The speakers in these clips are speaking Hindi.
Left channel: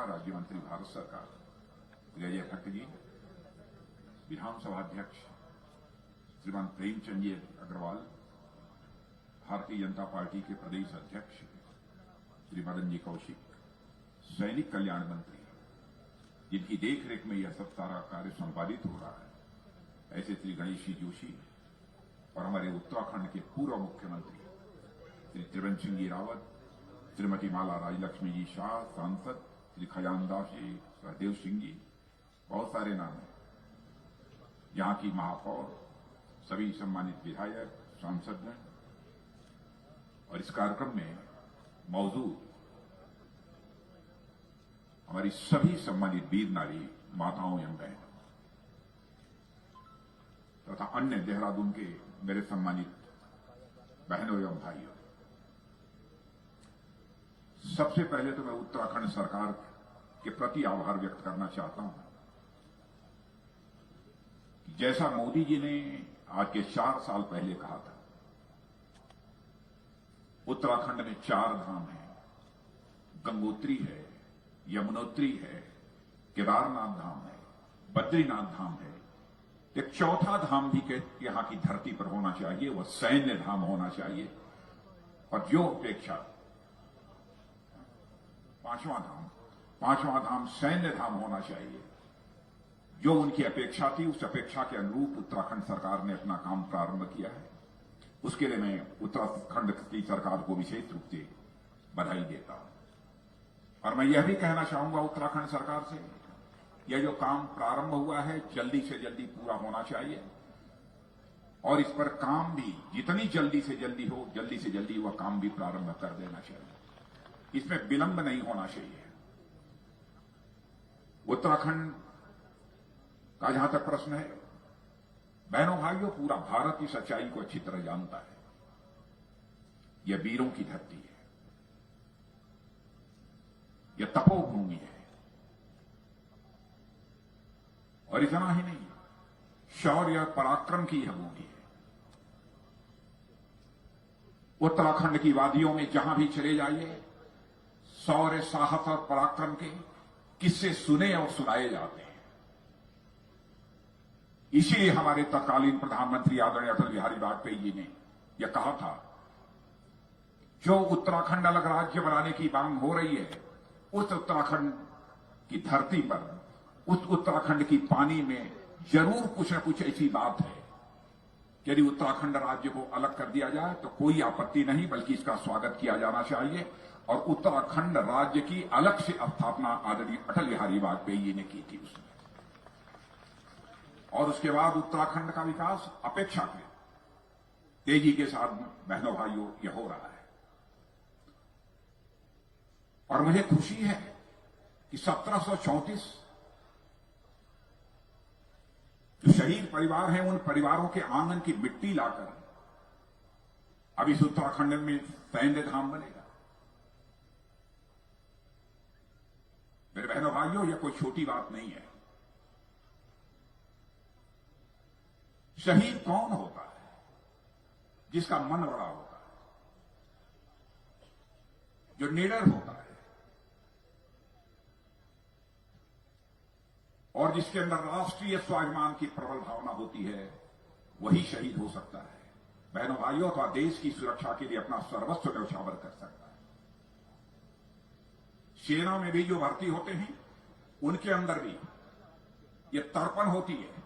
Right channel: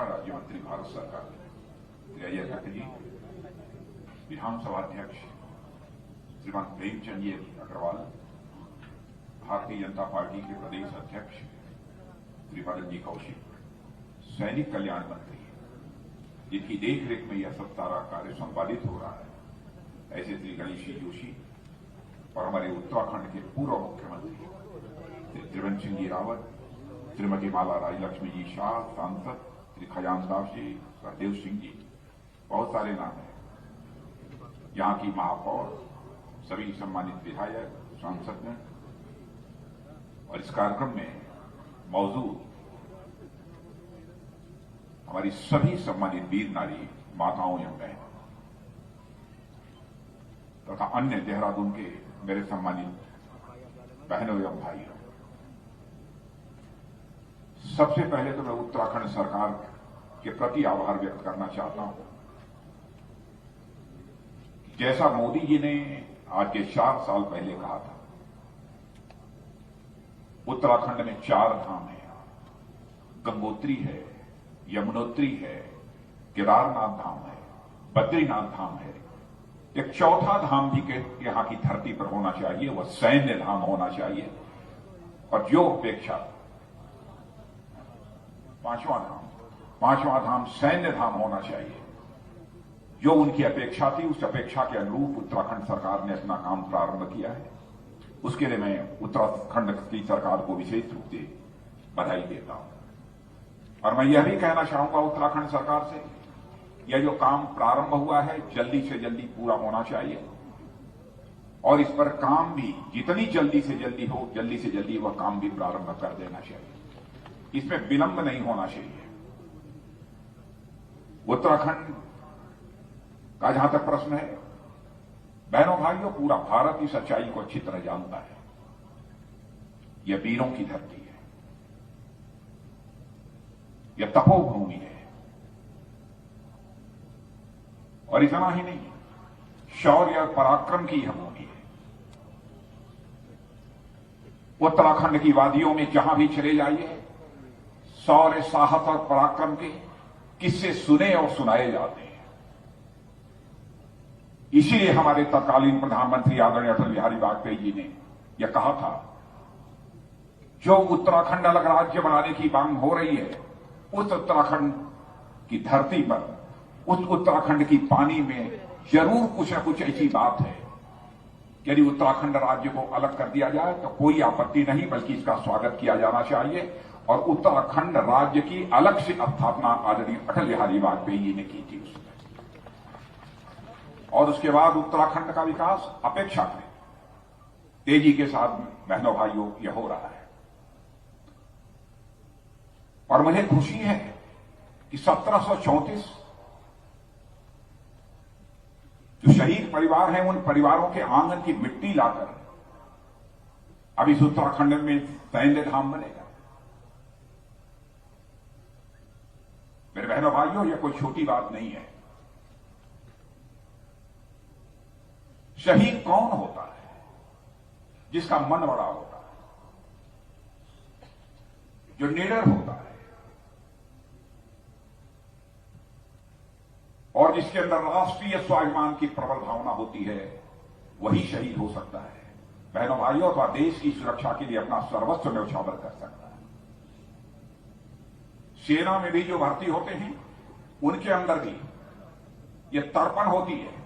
रक्षा राज्य मंत्री भारत सरकार श्री अजय भट्ट जी, विधानसभा अध्यक्ष श्रीमान प्रेमचंद जी अग्रवाल, भारतीय जनता पार्टी के प्रदेश अध्यक्ष श्री मदन जी कौशिक, सैनिक कल्याण मंत्री जिनकी देखरेख में यह सब सारा कार्य संपादित हो रहा है, ऐसे श्री गणेश जी जोशी और हमारे उत्तराखंड के पूर्व मुख्यमंत्री श्री त्रिवेंद्र सिंह जी रावत, श्रीमती माला राजलक्ष्मी जी शाह, सांसद श्री खजानदास जी, सहदेव सिंह जी, बहुत सारे नाम हैं। यहां की महापौर, सभी सम्मानित विधायक, सांसद ने और इस कार्यक्रम में मौजूद हमारी सभी सम्मानित वीर नारी माताओं एवं बहनों तथा अन्य देहरादून के मेरे सम्मानित बहनों एवं भाइयों, सबसे पहले तो मैं उत्तराखंड सरकार के प्रति आभार व्यक्त करना चाहता हूं। जैसा मोदी जी ने आज के 4 साल पहले कहा था, उत्तराखंड में 4 धाम है, गंगोत्री है, यमुनोत्री है, केदारनाथ धाम है, बद्रीनाथ धाम है, एक चौथा धाम भी के यहां की धरती पर होना चाहिए, वह सैन्य धाम होना चाहिए। और जो अपेक्षा पांचवां धाम सैन्य धाम होना चाहिए, जो उनकी अपेक्षा थी, उस अपेक्षा के अनुरूप उत्तराखंड सरकार ने अपना काम प्रारंभ किया है। उसके लिए मैं उत्तराखंड की सरकार को विशेष रूप से बधाई देता हूं। और मैं यह भी कहना चाहूंगा उत्तराखंड सरकार से, यह जो काम प्रारंभ हुआ है जल्दी से जल्दी पूरा होना चाहिए और इस पर काम भी जितनी जल्दी से जल्दी हो, जल्दी से जल्दी वह काम भी प्रारंभ कर देना चाहिए। इसमें विलंब नहीं होना चाहिए। उत्तराखंड का जहां तक प्रश्न है, बहनों भाइयों, पूरा भारत इस सच्चाई को अच्छी तरह जानता है। यह वीरों की धरती है, यह तपोभूमि है। और इतना ही नहीं, शौर्य और पराक्रम की यह भूमि है। उत्तराखंड की वादियों में जहां भी चले जाइए, शौर्य, साहस और पराक्रम के किस्से सुने और सुनाए जाते हैं। इसीलिए हमारे तत्कालीन प्रधानमंत्री आदरणीय अटल बिहारी वाजपेयी जी ने यह कहा था, जो उत्तराखंड अलग राज्य बनाने की मांग हो रही है, उस उत्तराखंड की धरती पर, उस उत्तराखंड की पानी में जरूर कुछ न कुछ ऐसी बात है। यदि उत्तराखंड राज्य को अलग कर दिया जाए तो कोई आपत्ति नहीं, बल्कि इसका स्वागत किया जाना चाहिए। और उत्तराखंड राज्य की अलग से स्थापना आदरणीय अटल बिहारी वाजपेयी जी ने की थी उसमें। और उसके बाद उत्तराखंड का विकास अपेक्षाकृत तेजी के साथ बहनों भाइयों यह हो रहा है। और मुझे खुशी है कि 1734 जो शहीद परिवार हैं, उन परिवारों के आंगन की मिट्टी लाकर अब इस उत्तराखंड में सैन्य धाम बनेगा। मेरे बहनों भाइयों, यह कोई छोटी बात नहीं है। शहीद कौन होता है? जिसका मन बड़ा होता है, जो निडर होता है और जिसके अंदर राष्ट्रीय स्वाभिमान की प्रबल भावना होती है, वही शहीद हो सकता है। बहनों भाइयों, तो देश की सुरक्षा के लिए अपना सर्वस्व न्यौछावर कर सकता है। सेना में भी जो भर्ती होते हैं, उनके अंदर भी यह तर्पण होती है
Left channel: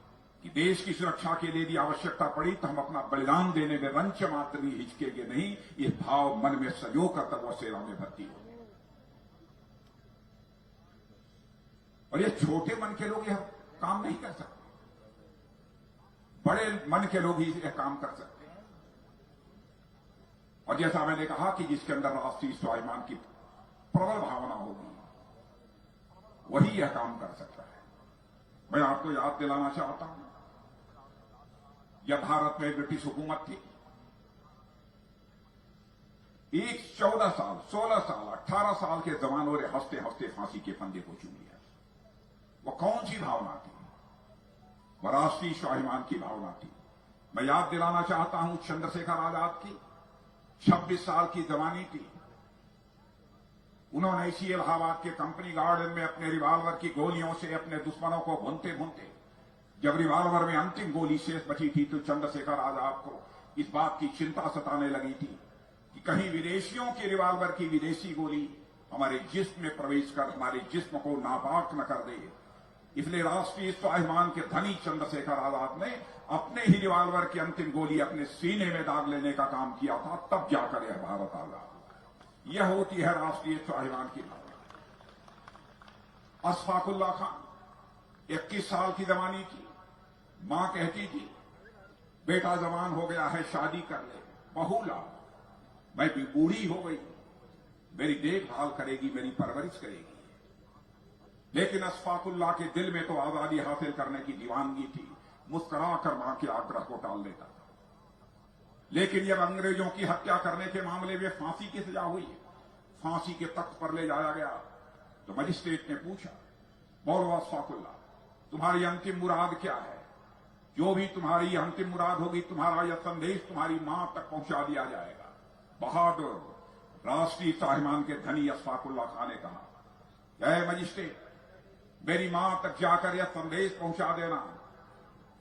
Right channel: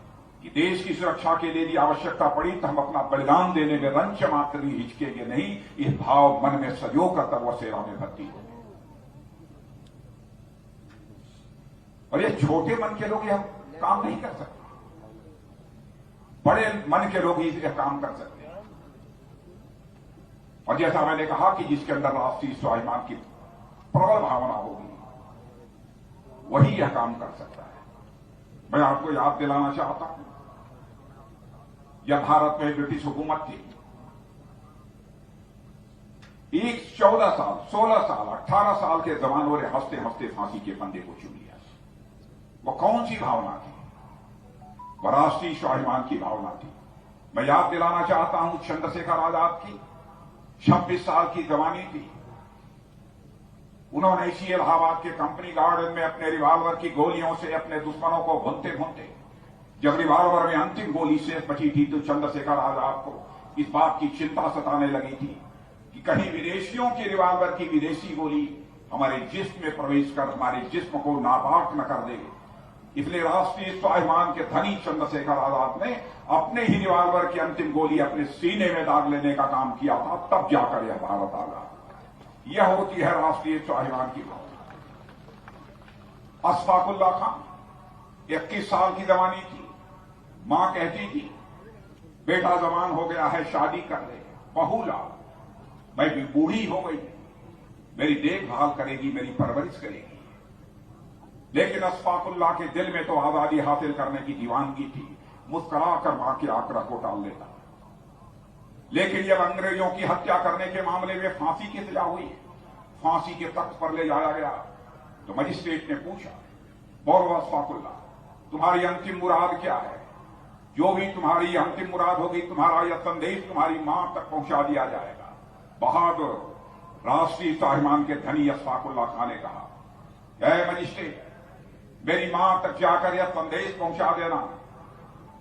कि देश की सुरक्षा के लिए यदि आवश्यकता पड़ी तो हम अपना बलिदान देने में रंच मात्र भी हिचकेंगे नहीं। यह भाव मन में सजो कर तब वह सेना में भर्ती होंगे। और ये छोटे मन के लोग यह काम नहीं कर सकते, बड़े मन के लोग ही यह काम कर सकते हैं। और जैसा मैंने कहा कि जिसके अंदर राष्ट्रीय स्वाभिमान की प्रबल भावना होगी, वही यह काम कर सकता है। मैं आपको याद दिलाना चाहता हूं, जब भारत में ब्रिटिश हुकूमत थी, एक 14 साल, 16 साल, 18 साल के जवानों ने हंसते हंसते फांसी के फंदे को चूम लिया। वह कौन सी भावना थी? वह राष्ट्रीय स्वाभिमान की भावना थी। मैं याद दिलाना चाहता हूं चंद्रशेखर आजाद की 26 साल की जवानी थी। उन्होंने इसी इलाहाबाद के कंपनी गार्डन में अपने रिवॉल्वर की गोलियों से अपने दुश्मनों को भूनते भूनते, जब रिवॉल्वर में अंतिम गोली शेष बची थी तो चंद्रशेखर आजाद को इस बात की चिंता सताने लगी थी कि कहीं विदेशियों के रिवॉल्वर की विदेशी गोली हमारे जिस्म में प्रवेश कर हमारे जिस्म को नापाक न कर दे। इसलिए राष्ट्रीय स्वाभिमान के धनी चंद्रशेखर आजाद ने अपने ही रिवॉल्वर की अंतिम गोली अपने सीने में दाग लेने का काम किया था, तब जाकर यह भारत आजाद। यह होती है राष्ट्रीय स्वाभिमान की भावना। अशफाकुल्ला खान 21 साल की जवानी थी। मां कहती थी बेटा जवान हो गया है, शादी कर ले। बहू ला, मैं भी बूढ़ी हो गई, मेरी देखभाल करेगी, मेरी परवरिश करेगी। लेकिन अशफाकुल्ला के दिल में तो आजादी हासिल करने की दीवानगी थी। मुस्कुराकर मां के आग्रह को टाल लेता। लेकिन जब अंग्रेजों की हत्या करने के मामले में फांसी की सजा हुई, फांसी के तख्त पर ले जाया गया, तो मजिस्ट्रेट ने पूछा, बोलो अशफाकुल्ला, तुम्हारी अंतिम मुराद क्या है? जो भी तुम्हारी अंतिम मुराद होगी, तुम्हारा यह संदेश तुम्हारी मां तक पहुंचा दिया जाएगा। बहादुर राष्ट्रीय स्वाभिमान के धनी अशफाकुल्ला खान ने कहा, ऐ मजिस्ट्रेट, मेरी मां तक जाकर यह संदेश पहुंचा देना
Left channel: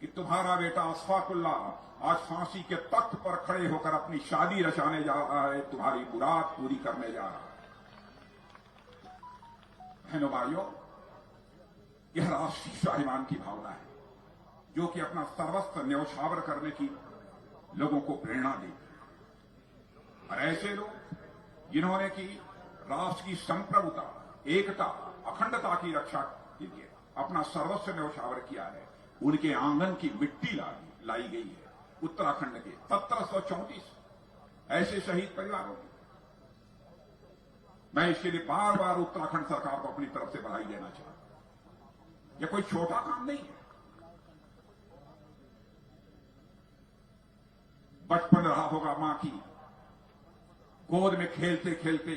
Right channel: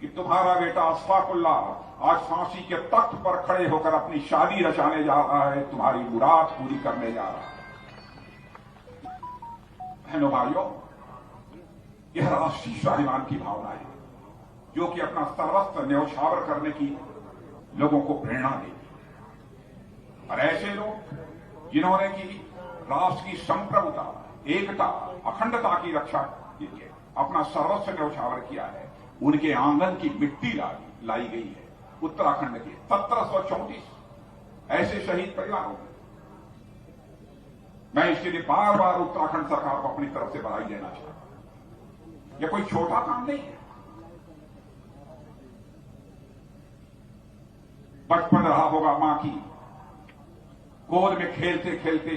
कि तुम्हारा बेटा अशफाकुल्ला आज फांसी के तख्त पर खड़े होकर अपनी शादी रचाने जा रहा है, तुम्हारी मुराद पूरी करने जा रहा है। बहनों भाइयों, यह राष्ट्रीय स्वाभिमान की भावना है जो कि अपना सर्वस्व न्यौछावर करने की लोगों को प्रेरणा देगी। और ऐसे लोग जिन्होंने की राष्ट्र की संप्रभुता, एकता, अखंडता की रक्षा के लिए अपना सर्वस्व न्यौछावर किया है, उनके आंगन की मिट्टी लाई गई है। उत्तराखंड के 1734 ऐसे शहीद परिवारों के, मैं इसके लिए बार बार उत्तराखंड सरकार को अपनी तरफ से बधाई देना चाहता हूं। यह कोई छोटा काम नहीं है। बचपन रहा होगा मां की गोद में खेलते खेलते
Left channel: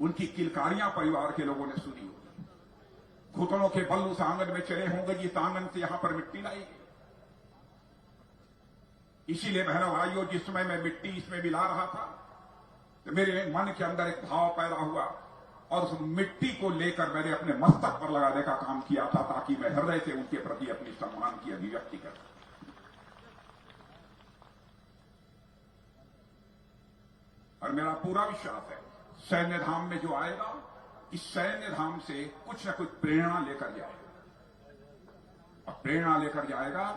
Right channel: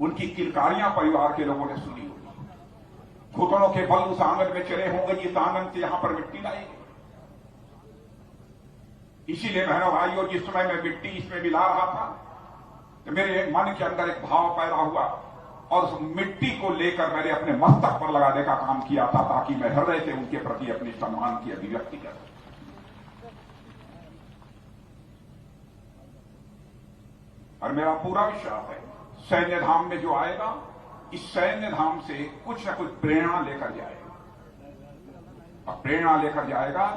उनकी किलकारियां परिवार के लोगों ने सुनी होगी। घुटनों के बल उस आंगन में चले होंगे जिस आंगन से यहां पर मिट्टी लाई गई। इसीलिए बहनों भाइयों, जिस समय मैं मिट्टी इसमें मिला रहा था तो मेरे मन के अंदर एक भाव पैदा हुआ और उस मिट्टी को लेकर मैंने अपने मस्तक पर लगाने का काम किया था, ताकि मैं हृदय से उनके प्रति अपने सम्मान की अभिव्यक्ति कर सकूं। और मेरा पूरा विश्वास है सैन्य धाम में जो आएगा, इस सैन्य धाम से कुछ न कुछ प्रेरणा लेकर जाएगा। और प्रेरणा लेकर जाएगा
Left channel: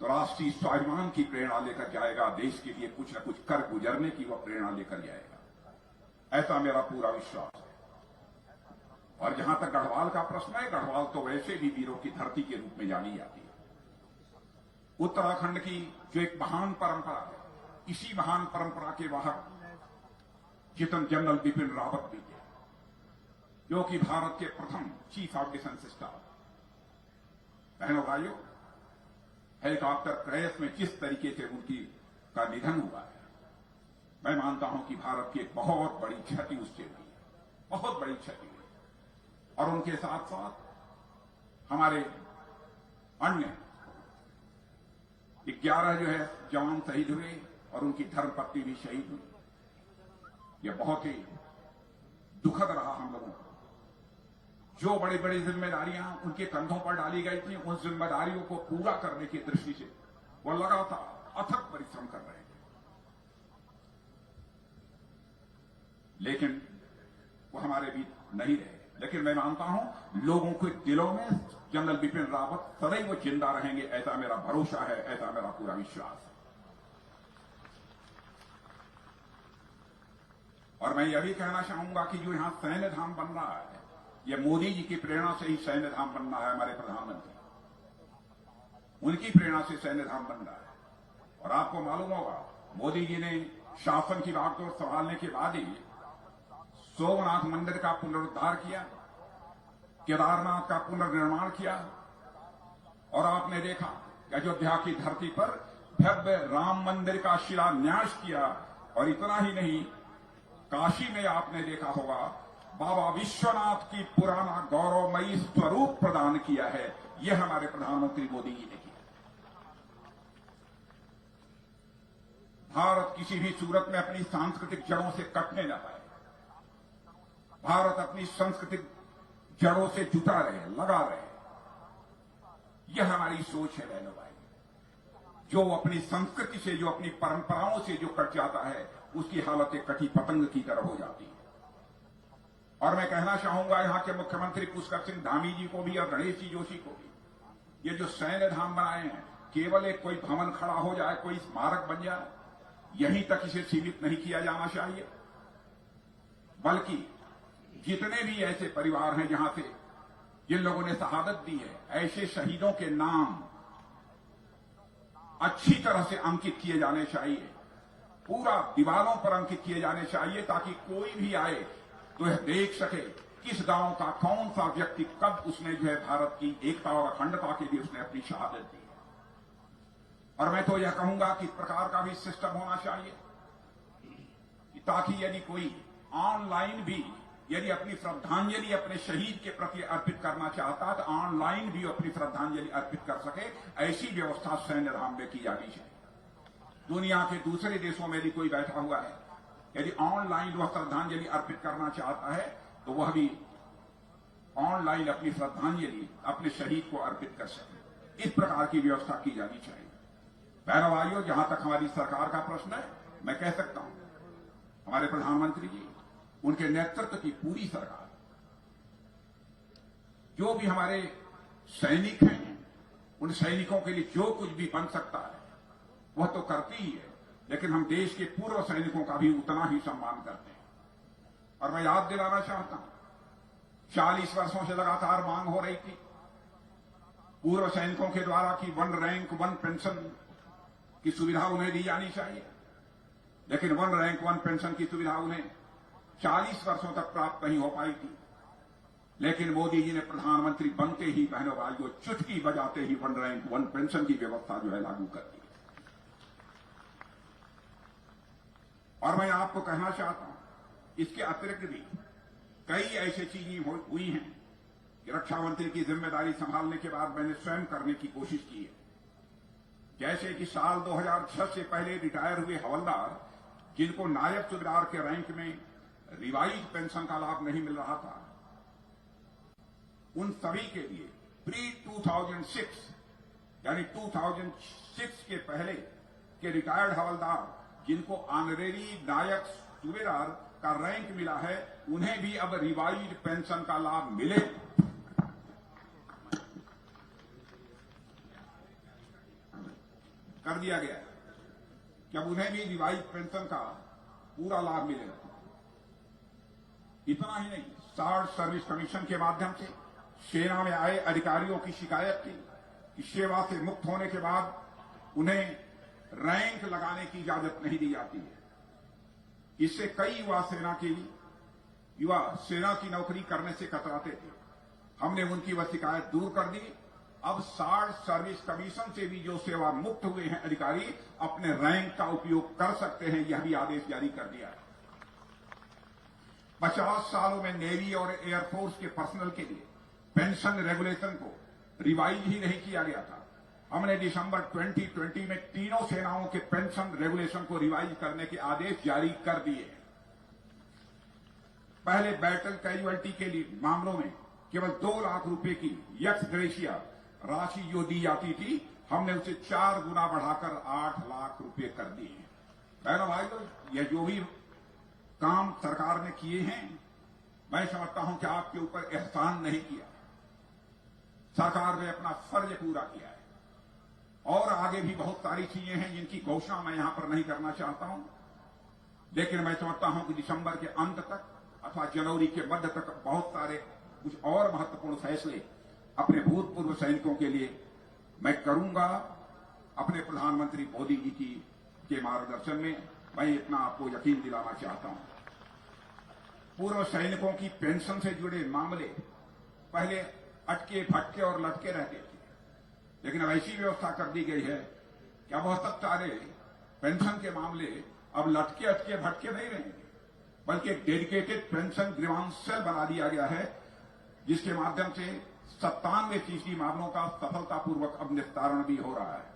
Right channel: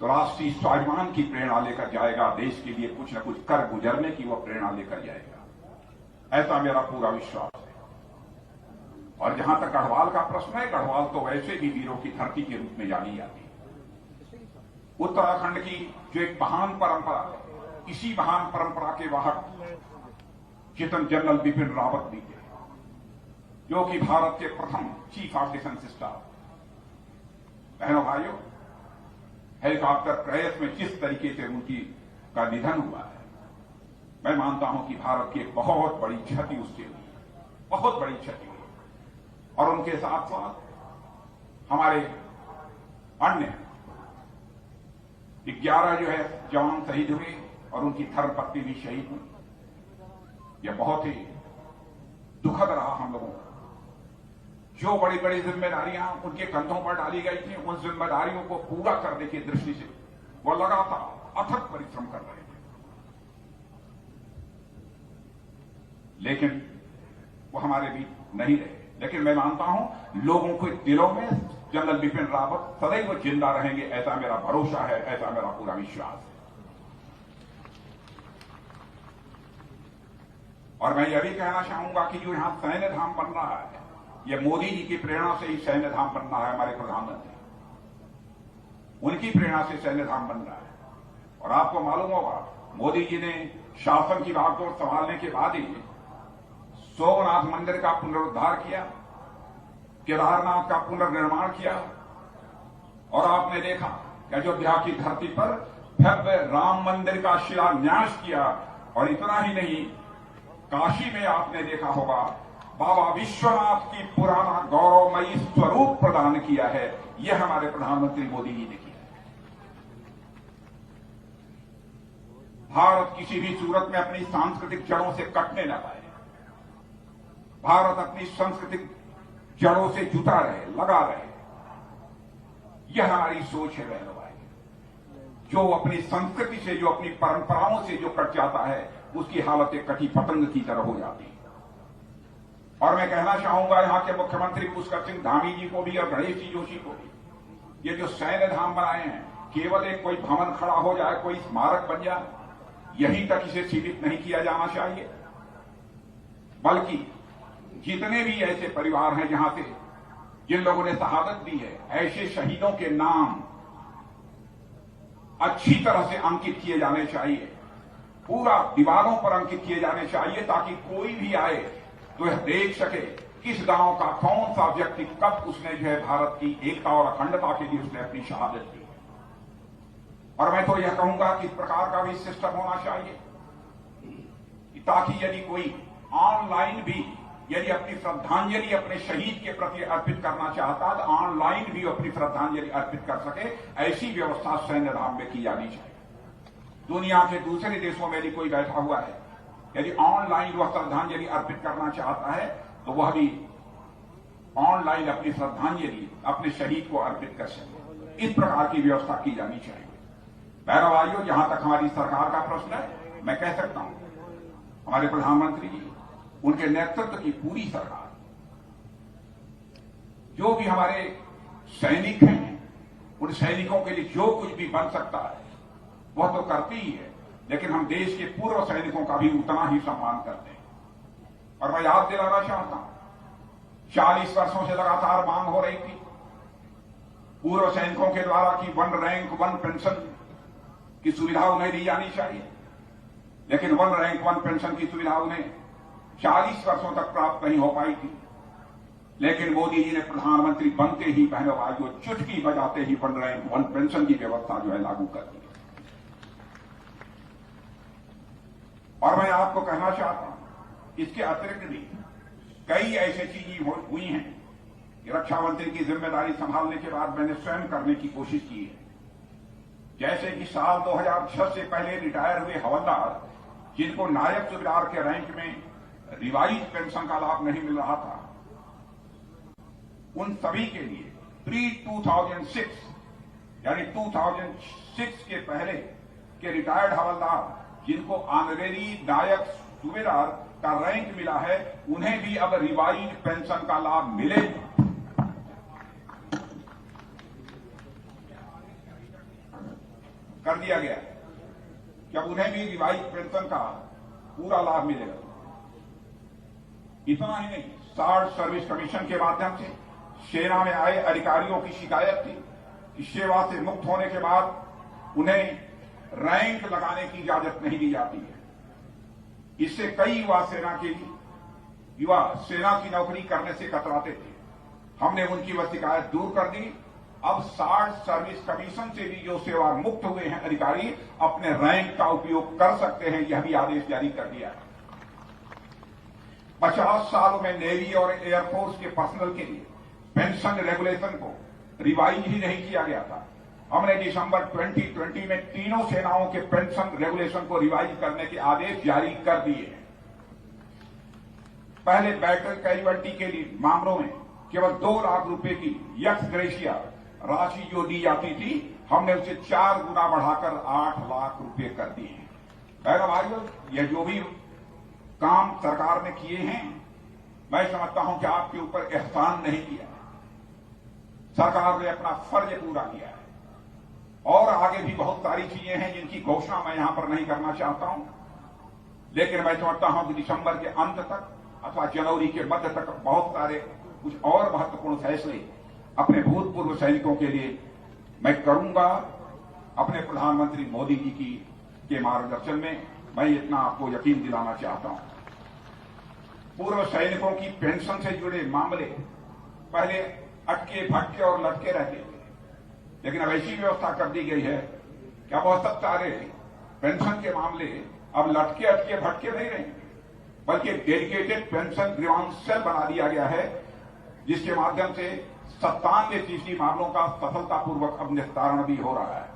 तो राष्ट्रीय स्वाभिमान की प्रेरणा लेकर जाएगा, देश के लिए कुछ न कुछ कर गुजरने की वह प्रेरणा लेकर जाएगा। ऐसा मेरा पूरा विश्वास है। और जहां तक गढ़वाल का प्रश्न है, गढ़वाल तो वैसे भी वीरों की धरती के रूप में जानी जाती है। उत्तराखंड की जो एक महान परंपरा है, इसी महान परंपरा के वाहक चितन जनरल बिपिन रावत भी थे, जो कि भारत के प्रथम चीफ ऑफ डिफेंस स्टाफ। बहनों भाइयों, हेलीकॉप्टर क्रैश में जिस तरीके से उनकी का निधन हुआ है, मैं मानता हूं कि भारत की एक बहुत बड़ी क्षति उससे हुई, बहुत बड़ी क्षति हुई। और उनके साथ साथ हमारे अन्य 11 जो है जवान शहीद हुए और उनकी धर्मपत्नी भी शहीद हुई। यह बहुत ही दुखद रहा हम लोगों को। जो बड़ी बड़ी जिम्मेदारियां उनके कंधों पर डाली गई थी, उन जिम्मेदारियों को पूरा करने की दृष्टि से वो लगातार अथक परिश्रम कर रहे थे। लेकिन वो हमारे बीच नहीं रहे। लेकिन मैं मानता हूं लोगों के दिलों में जनरल बिपिन रावत सदैव जिंदा रहेंगे, ऐसा मेरा भरोसा है, ऐसा मेरा पूरा विश्वास है। और मैं यह भी कहना चाहूंगा कि जो यहां सैन्य धाम बन रहा है, यह मोदी जी की प्रेरणा से ही सैन्य धाम बन रहा है। हमारे प्रधानमंत्री, उनकी प्रेरणा से सैन्य धाम बन रहा है। और आपको मालूम होगा, मोदी जी ने शासन की बागडोर संभालने के बाद ही सोमनाथ मंदिर का पुनरुद्धार किया, केदारनाथ का पुनर्निर्माण किया। और आपने देखा कि अयोध्या की धरती पर भव्य राम मंदिर का शिलान्यास किया। और इतना ही नहीं, काशी में आपने देखा होगा बाबा विश्वनाथ की पुराना गौरवमयी स्वरूप प्रदान किया है। यह हमारे प्रधानमंत्री मोदी जी ने किया। भारत किसी भी सूरत में अपनी सांस्कृतिक जड़ों से कटने न पाए। भारत अपनी सांस्कृतिक जड़ों से जुटा रहे, लगा रहे। यह हमारी सोच है बहनों भाई। जो अपनी संस्कृति से, जो अपनी परंपराओं से जो कट जाता है, उसकी हालत एक कटी पतंग की तरह हो जाती है। और मैं कहना चाहूंगा यहां के मुख्यमंत्री पुष्कर सिंह धामी जी को भी और गणेश जी जोशी को भी, ये जो सैन्य धाम बनाए हैं, केवल एक कोई भवन खड़ा हो जाए, कोई स्मारक बन जाए, यहीं तक इसे सीमित नहीं किया जाना चाहिए। बल्कि जितने भी ऐसे परिवार हैं जहां से जिन लोगों ने शहादत दी है, ऐसे शहीदों के नाम अच्छी तरह से अंकित किए जाने चाहिए, पूरा दीवारों पर अंकित किए जाने चाहिए, ताकि कोई भी आए तो यह देख सके किस गांव का कौन सा व्यक्ति कब उसने जो है भारत की एकता और अखंडता के लिए उसने अपनी शहादत दी। और मैं तो यह कहूंगा कि इस प्रकार का भी सिस्टम होना चाहिए ताकि यदि कोई ऑनलाइन भी यदि अपनी श्रद्धांजलि अपने शहीद के प्रति अर्पित करना चाहता है तो ऑनलाइन भी अपनी श्रद्धांजलि अर्पित कर सके, ऐसी व्यवस्था सैन्य धाम में की जानी चाहिए। दुनिया के दूसरे देशों में यदि कोई बैठा हुआ है, यदि ऑनलाइन वह श्रद्धांजलि अर्पित करना चाहता है तो वह भी ऑनलाइन अपनी श्रद्धांजलि अपने शहीद को अर्पित कर सके। इस प्रकार की व्यवस्था की जानी चाहिए। बहनों भाइयों, जहां तक हमारी सरकार का प्रश्न है, मैं कह सकता हूं हमारे प्रधानमंत्री जी, उनके नेतृत्व की पूरी सरकार, जो भी हमारे सैनिक हैं, उन सैनिकों के लिए जो कुछ भी बन सकता है वह तो करती ही है, लेकिन हम देश के पूर्व सैनिकों का भी उतना ही सम्मान करते हैं। और मैं याद दिलाना चाहता हूं, 40 वर्षों से लगातार मांग हो रही थी पूर्व सैनिकों के द्वारा कि 1 रैंक 1 पेंशन की सुविधा उन्हें दी जानी चाहिए, लेकिन 1 रैंक 1 पेंशन की सुविधा उन्हें 40 वर्षों तक प्राप्त नहीं हो पाई थी। लेकिन मोदी जी ने प्रधानमंत्री बनते ही बहनों भाइयों चुटकी बजाते ही 1 रैंक 1 पेंशन की व्यवस्था जो है लागू कर दी। और मैं आपको कहना चाहता हूं, इसके अतिरिक्त भी कई ऐसी चीजें हुई हैं कि रक्षा मंत्री की जिम्मेदारी संभालने के बाद मैंने स्वयं करने की कोशिश की है। जैसे कि साल 2006 से पहले रिटायर हुए हवलदार जिनको नायक सूबेदार के रैंक में रिवाइज पेंशन का लाभ नहीं मिल रहा था, उन सभी के लिए प्री 2006 यानी 2006 के पहले के रिटायर्ड हवलदार जिनको ऑनरेरी नायक सूबेदार का रैंक मिला है, उन्हें भी अब रिवाइज पेंशन का लाभ मिले। कर दिया गया कि अब उन्हें भी रिवाइज पेंशन का पूरा लाभ मिलेगा। इतना ही नहीं, शार्ट सर्विस कमीशन के माध्यम से सेना में आए अधिकारियों की शिकायत थी कि सेवा से मुक्त होने के बाद उन्हें रैंक लगाने की इजाजत नहीं दी जाती है। इससे कई युवा सेना की नौकरी करने से कतराते थे। हमने उनकी वह शिकायत दूर कर दी। अब शार्ट सर्विस कमीशन से भी जो सेवा मुक्त हुए हैं अधिकारी अपने रैंक का उपयोग कर सकते हैं, यह भी आदेश जारी कर दिया है। 50 सालों में नेवी और एयरफोर्स के पर्सनल के लिए पेंशन रेगुलेशन को रिवाइज ही नहीं किया गया था। हमने दिसंबर 2020 में तीनों सेनाओं के पेंशन रेगुलेशन को रिवाइज करने के आदेश जारी कर दिए हैं। पहले बैटल कैजुअल्टी के लिए मामलों में केवल 2 लाख रुपए की यक्स ग्रेशिया राशि जो दी जाती थी, हमने उसे 4 गुना बढ़ाकर 8 लाख रुपए कर दिए हैं। बहनों भाइयों, यह जो भी काम सरकार ने किए हैं, मैं समझता हूं कि आपके ऊपर एहसान नहीं किया। सरकार ने अपना फर्ज पूरा किया है। और आगे भी बहुत सारी चीजें हैं जिनकी घोषणा मैं यहां पर नहीं करना चाहता हूं, लेकिन मैं समझता हूं कि दिसंबर के अंत तक अथवा जनवरी के मध्य तक बहुत सारे कुछ और महत्वपूर्ण फैसले अपने भूतपूर्व सैनिकों के लिए मैं करूंगा। अपने प्रधानमंत्री मोदी जी के मार्गदर्शन में मैं इतना आपको यकीन दिलाना चाहता हूं। पूर्व सैनिकों की पेंशन से जुड़े मामले पहले अटके भटके और लटके रहते थे, लेकिन अब ऐसी व्यवस्था कर दी गई है कि अब बहुत सारे पेंशन के मामले अब लटके अटके भटके नहीं रहेंगे, बल्कि डेडिकेटेड पेंशन ग्रीवांस सेल बना दिया गया है, जिसके माध्यम से 97% मामलों का सफलतापूर्वक अब निस्तारण भी हो रहा है।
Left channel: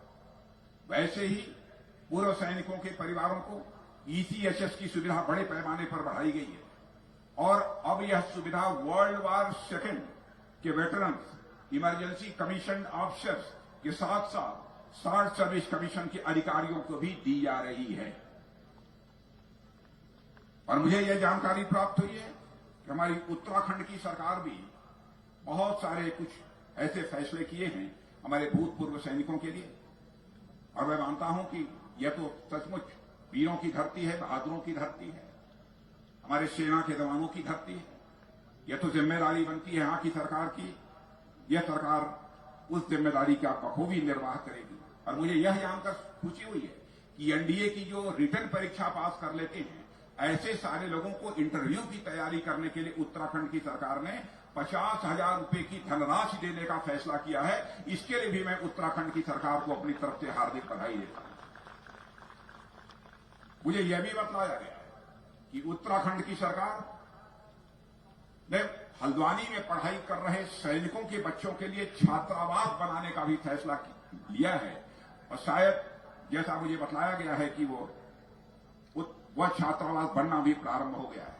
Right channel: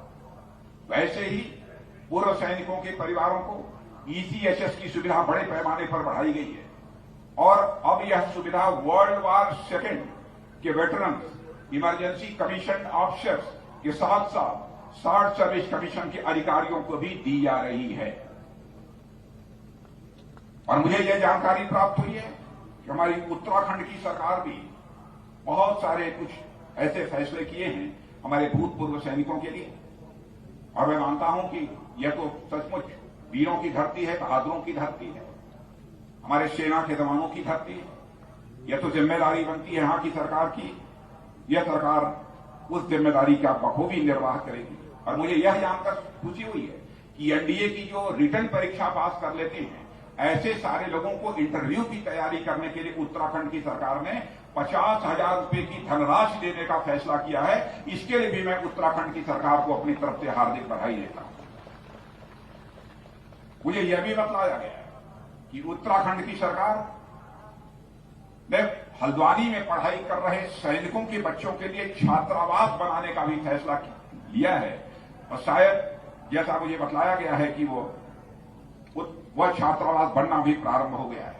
वैसे ही पूर्व सैनिकों के परिवारों को ईसीएचएस की सुविधा बड़े पैमाने पर बढ़ाई गई है और अब यह सुविधा वर्ल्ड वार सेकेंड के वेटरन्स, इमरजेंसी कमीशन ऑफिसर्स के साथ साथ शार्ट सर्विस कमीशन के अधिकारियों को भी दी जा रही है। और मुझे यह जानकारी प्राप्त हुई है कि हमारी उत्तराखंड की सरकार भी बहुत सारे कुछ ऐसे फैसले किए हैं हमारे भूतपूर्व सैनिकों के लिए। और मैं मानता हूं कि यह तो सचमुच वीरों की धरती है, बहादुरों की धरती है, हमारे सेना के जवानों की धरती है। यह तो जिम्मेदारी बनती है यहाँ की सरकार की। यह सरकार उस जिम्मेदारी का बखूबी निर्वाह करेगी। और मुझे यह जानकर खुशी हुई है कि एनडीए की जो रिटर्न परीक्षा पास कर लेते हैं, ऐसे सारे लोगों को इंटरव्यू की तैयारी करने के लिए उत्तराखंड की सरकार ने 50,000 रुपए की धनराशि देने का फैसला किया है। इसके लिए भी मैं उत्तराखंड की सरकार को अपनी तरफ से हार्दिक बधाई देता हूं। मुझे यह भी बतलाया गया है कि उत्तराखंड की सरकार ने हल्द्वानी में पढ़ाई कर रहे सैनिकों के बच्चों के लिए छात्रावास बनाने का भी फैसला लिया है। और शायद जैसा मुझे बतलाया गया है कि वह छात्रावास बनना भी प्रारंभ हो गया है।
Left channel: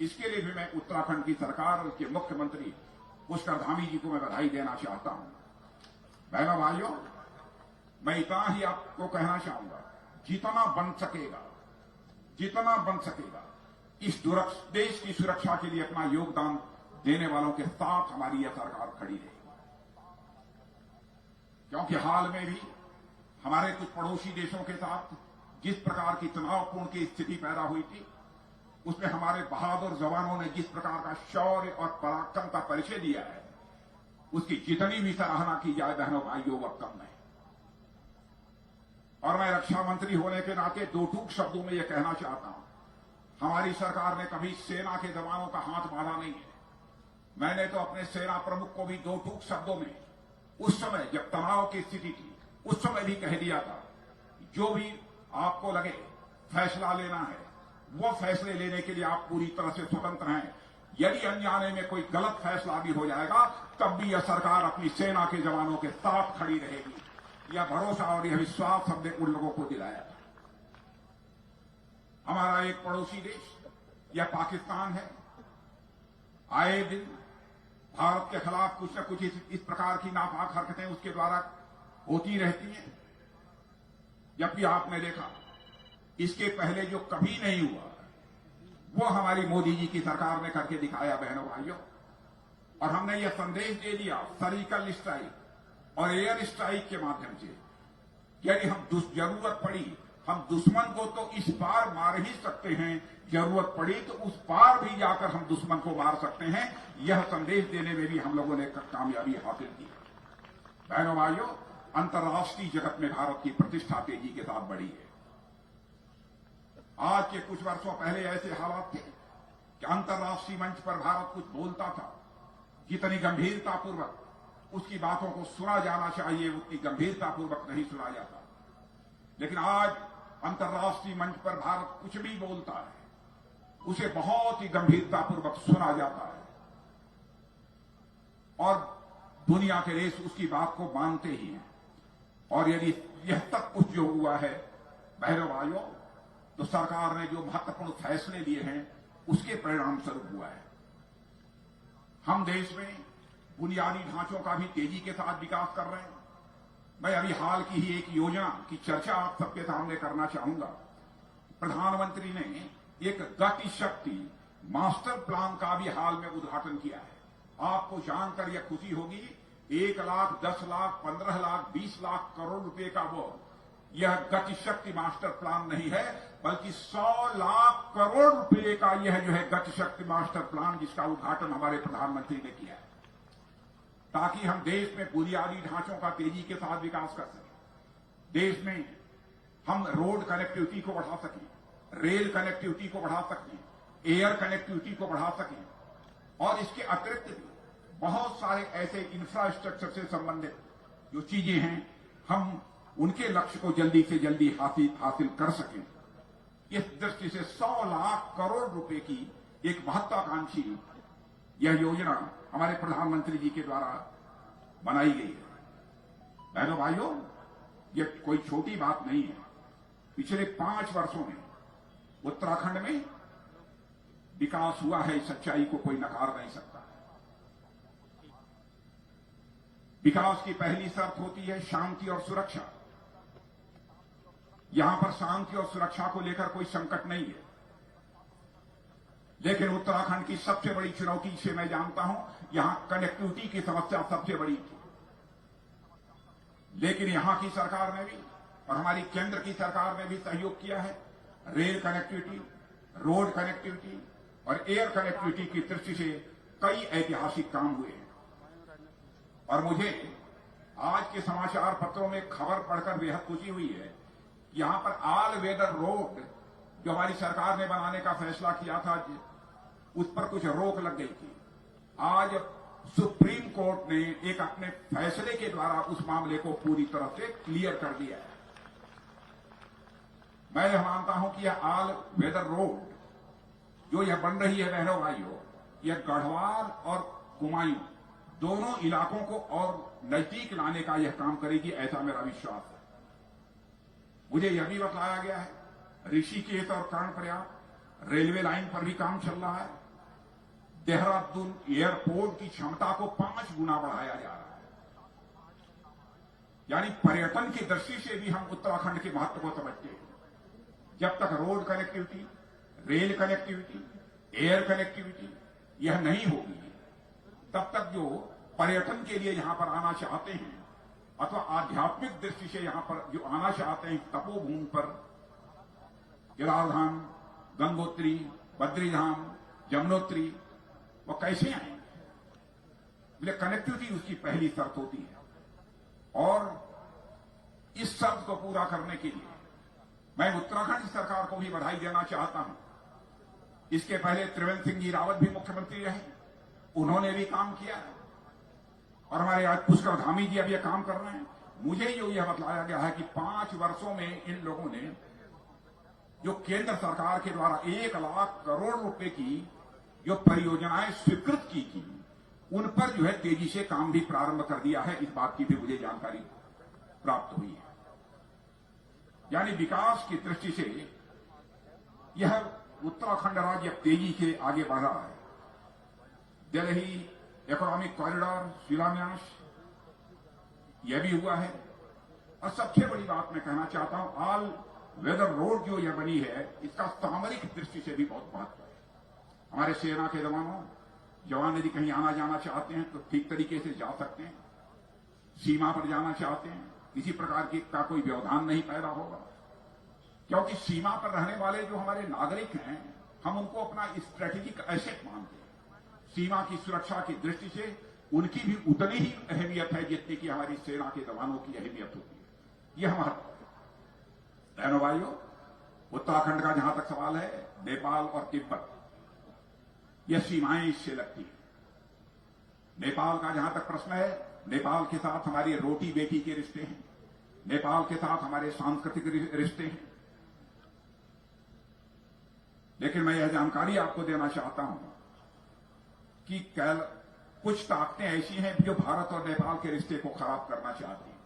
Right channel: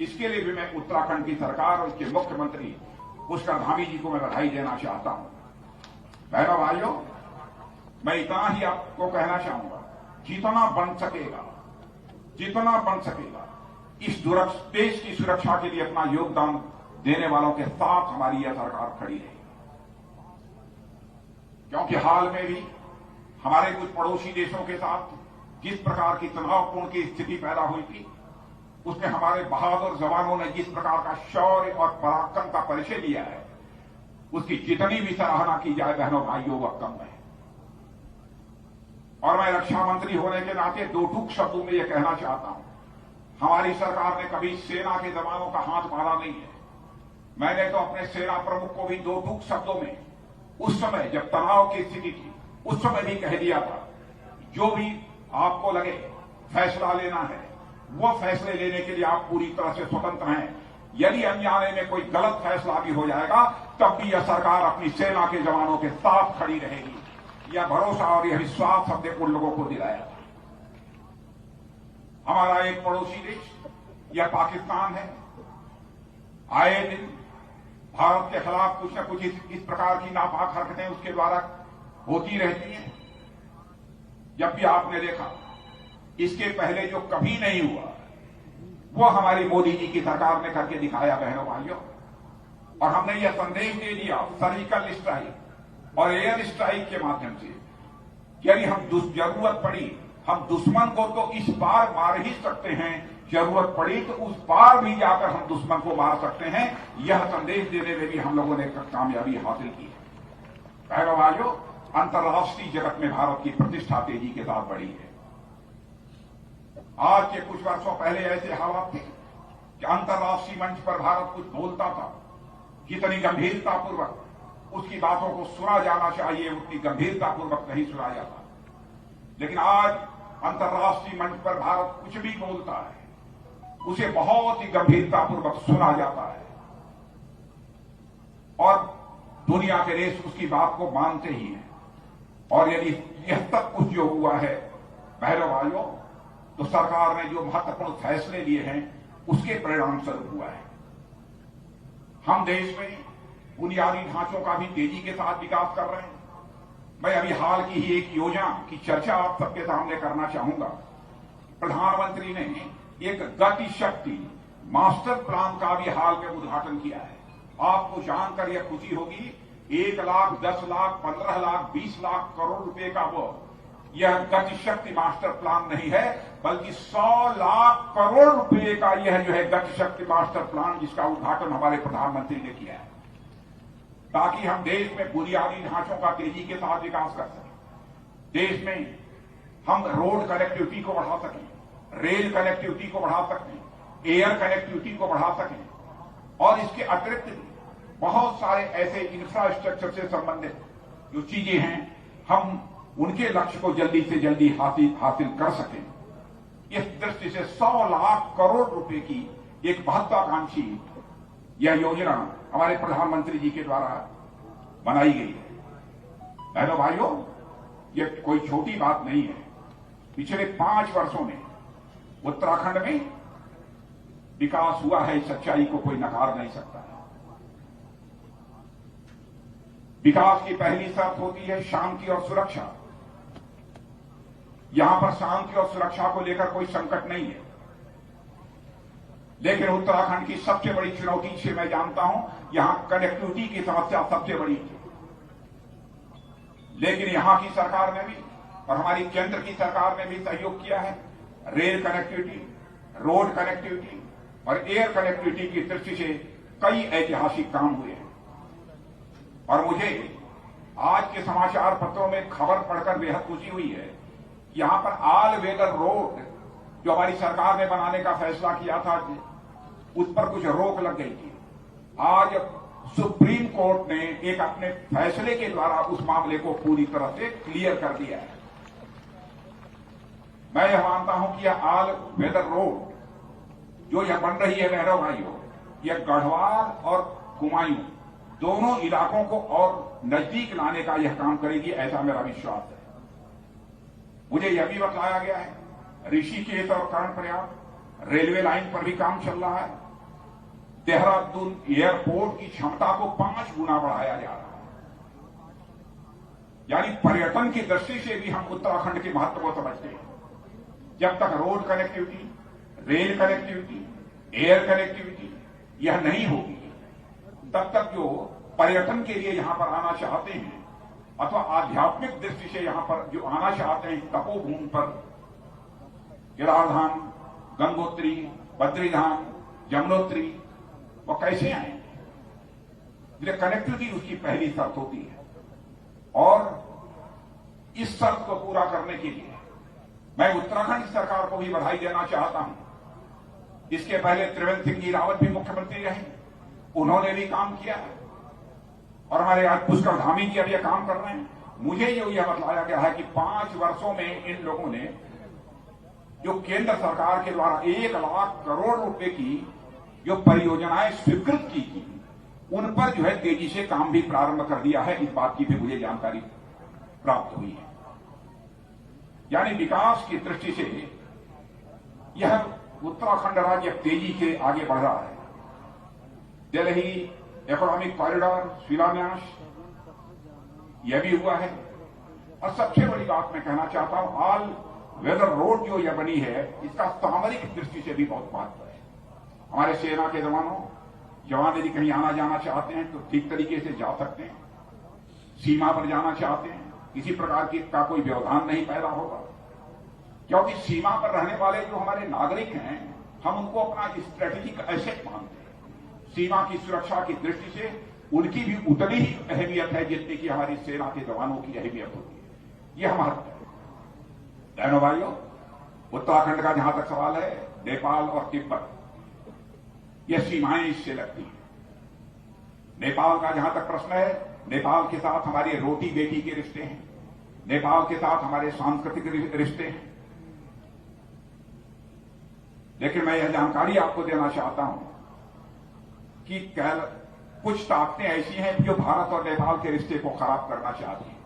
इसके लिए भी मैं उत्तराखंड की सरकार और उसके मुख्यमंत्री पुष्कर धामी जी को मैं बधाई देना चाहता हूं। बहनों भाइयों, मैं इतना ही आपको कहना चाहूंगा, जितना बन सकेगा इस देश की सुरक्षा के लिए अपना योगदान देने वालों के साथ हमारी यह सरकार खड़ी रहेगी। क्योंकि हाल में भी हमारे कुछ पड़ोसी देशों के साथ जिस प्रकार की तनावपूर्ण की स्थिति पैदा हुई थी, उसमें हमारे बहादुर जवानों ने जिस प्रकार का शौर्य और पराक्रम का परिचय दिया है, उसकी जितनी भी सराहना की जाए बहनों भाइयों वह कम है। और मैं रक्षा मंत्री होने के नाते दो टूक शब्दों में यह कहना चाहता हूं, हमारी सरकार ने कभी सेना के जवानों का हाथ मारा नहीं है। मैंने तो अपने सेना प्रमुख को भी दो टूक शब्दों में उस समय जब तनाव की स्थिति थी उस समय भी कह दिया था, जो भी आपको लगे फैसला लेना है वो फैसले लेने के लिए आप पूरी तरह से स्वतंत्र हैं। यदि अनजाने में कोई गलत फैसला भी हो जाएगा तब भी यह सरकार अपनी सेना के जवानों के साथ खड़ी रहेगी। यह भरोसा और यह विश्वास हमने उन लोगों को दिलाया था। हमारा एक पड़ोसी देश यह पाकिस्तान है, आए दिन भारत के खिलाफ कुछ न कुछ इस प्रकार की नापाक हरकतें उसके द्वारा होती रहती हैं। जब भी आपने देखा, इसके पहले जो कभी नहीं हुआ वो हमारी मोदी जी की सरकार ने करके दिखाया बहनों भाइयों। और हमने यह संदेश दे दिया सर्जिकल स्ट्राइक और एयर स्ट्राइक के माध्यम से, यदि हम जरूरत पड़ी हम दुश्मन को तो इस पार मार ही सकते हैं, जरूरत पड़ी तो उस पार भी जाकर हम दुश्मन को मार सकते हैं। यह संदेश देने में भी हम लोगों ने कामयाबी हासिल की है। बहनों भाइयों, अंतर्राष्ट्रीय जगत में भारत की प्रतिष्ठा तेजी के साथ बढ़ी है। आज के कुछ वर्षों पहले ऐसे हालात थे कि अंतर्राष्ट्रीय मंच पर भारत कुछ बोलता था, जितनी गंभीरतापूर्वक उसकी बातों को सुना जाना चाहिए उतनी गंभीरतापूर्वक नहीं सुना जाता। लेकिन आज अंतर्राष्ट्रीय मंच पर भारत कुछ भी बोलता है उसे बहुत ही गंभीरतापूर्वक सुना जाता है और दुनिया के देश उसकी बात को मानते ही हैं। और यदि यह सब कुछ जो हुआ है बहनों भाइयों, तो सरकार ने जो महत्वपूर्ण फैसले लिए हैं उसके परिणाम स्वरूप हुआ है। हम देश में बुनियादी ढांचों का भी तेजी के साथ विकास कर रहे हैं। मैं अभी हाल की ही एक योजना की चर्चा आप सबके सामने करना चाहूंगा। प्रधानमंत्री ने एक गति शक्ति मास्टर प्लान का भी हाल में उद्घाटन किया है। आपको जानकर यह खुशी होगी, 1 लाख, 10 लाख, 15 लाख, 20 लाख करोड़ रुपए का वो यह गति शक्ति मास्टर प्लान नहीं है, बल्कि 100 लाख करोड़ रुपए का यह जो है गति शक्ति मास्टर प्लान, जिसका उद्घाटन हमारे प्रधानमंत्री ने किया है, ताकि हम देश में बुनियादी ढांचों का तेजी के साथ विकास कर सकें। देश में हम रोड कनेक्टिविटी को बढ़ा सकें, रेल कनेक्टिविटी को बढ़ा सकें, एयर कनेक्टिविटी को बढ़ा सकें और इसके अतिरिक्त भी बहुत सारे ऐसे इंफ्रास्ट्रक्चर से संबंधित जो चीजें हैं हम उनके लक्ष्य को जल्दी से जल्दी हासिल कर सकें। इस दृष्टि से 100 लाख करोड़ रुपए की एक महत्वाकांक्षी यह योजना हमारे प्रधानमंत्री जी के द्वारा बनाई गई है। बहनों भाइयों, यह कोई छोटी बात नहीं है। पिछले 5 वर्षों में उत्तराखंड में विकास हुआ है, इस सच्चाई को कोई नकार नहीं सकता। विकास की पहली शर्त होती है शांति और सुरक्षा। यहां पर शांति और सुरक्षा को लेकर कोई संकट नहीं है, लेकिन उत्तराखंड की सबसे बड़ी चुनौती से मैं जानता हूं, यहां कनेक्टिविटी की समस्या सबसे बड़ी थी। लेकिन यहां की सरकार ने भी और हमारी केंद्र की सरकार ने भी सहयोग किया है। रेल कनेक्टिविटी, रोड कनेक्टिविटी और एयर कनेक्टिविटी की दृष्टि से कई ऐतिहासिक काम हुए हैं। और मुझे आज के समाचार पत्रों में खबर पढ़कर बेहद खुशी हुई है। यहां पर ऑल वेदर रोड जो हमारी सरकार ने बनाने का फैसला किया था, उस पर कुछ रोक लग गई थी। आज सुप्रीम कोर्ट ने एक अपने फैसले के द्वारा उस मामले को पूरी तरह से क्लियर कर दिया है। मैं यह मानता हूं कि यह ऑल वेदर रोड जो यह बन रही है बहनों भाइयों, यह गढ़वाल और कुमायूं दोनों इलाकों को और नजदीक लाने का यह काम करेगी, ऐसा मेरा विश्वास है। मुझे यह भी बताया गया है ऋषिकेश और कर्णप्रयाग रेलवे लाइन पर भी काम चल रहा है। देहरादून एयरपोर्ट की क्षमता को 5 गुना बढ़ाया जा रहा है। यानी पर्यटन की दृष्टि से भी हम उत्तराखंड के महत्व को समझते हैं। जब तक road connectivity, rail connectivity, air connectivity यह नहीं होगी, तब तक जो पर्यटन के लिए यहां पर आना चाहते हैं अथवा आध्यात्मिक दृष्टि से यहां पर जो आना चाहते हैं तपोभूमि पर, केदारधाम, गंगोत्री, बद्रीधाम, यमुनोत्री, वो कैसे आएंगे? इसलिए कनेक्टिविटी उसकी पहली शर्त होती है। और इस शर्त को पूरा करने के लिए मैं उत्तराखंड सरकार को भी बधाई देना चाहता हूं। इसके पहले त्रिवेंद्र सिंह जी रावत भी मुख्यमंत्री रहे, उन्होंने भी काम किया है। और हमारे आज पुष्कर धामी जी अब यह काम कर रहे हैं। मुझे यह बतलाया गया है कि 5 वर्षों में इन लोगों ने जो केंद्र सरकार के द्वारा 1 लाख करोड़ रुपए की जो परियोजनाएं स्वीकृत की थी, उन पर जो है तेजी से काम भी प्रारंभ कर दिया है। इस बात की भी मुझे जानकारी प्राप्त हुई है। यानी विकास की दृष्टि से यह उत्तराखंड राज्य तेजी से आगे बढ़ रहा है। दिल्ली इकोनॉमिक कॉरिडोर शिलान्यास यह भी हुआ है। और सबसे बड़ी बात मैं कहना चाहता हूं, ऑल वेदर रोड जो यह बनी है, इसका सामरिक दृष्टि से भी बहुत महत्व है। हमारे सेना के जवान यदि कहीं आना जाना चाहते हैं तो ठीक तरीके से जा सकते हैं। सीमा पर जाना चाहते हैं, किसी प्रकार का कोई व्यवधान नहीं पैदा होगा, क्योंकि सीमा पर रहने वाले जो हमारे नागरिक हैं, हम उनको अपना स्ट्रेटेजिक एसेट मानते हैं। सीमा की सुरक्षा की दृष्टि से उनकी भी उतनी ही अहमियत है जितनी कि हमारी सेना के जवानों की अहमियत होती है। यह महत्व है। बहनों भाइयों, उत्तराखंड का जहां तक सवाल है, नेपाल और तिब्बत यह सीमाएं इससे लगती हैं। नेपाल का जहां तक प्रश्न है, नेपाल के साथ हमारे रोटी बेटी के रिश्ते हैं, नेपाल के साथ हमारे सांस्कृतिक रिश्ते हैं। लेकिन मैं यह जानकारी आपको देना चाहता हूं कि कुछ ताकतें ऐसी हैं जो भारत और नेपाल के रिश्ते को खराब करना चाहती हैं।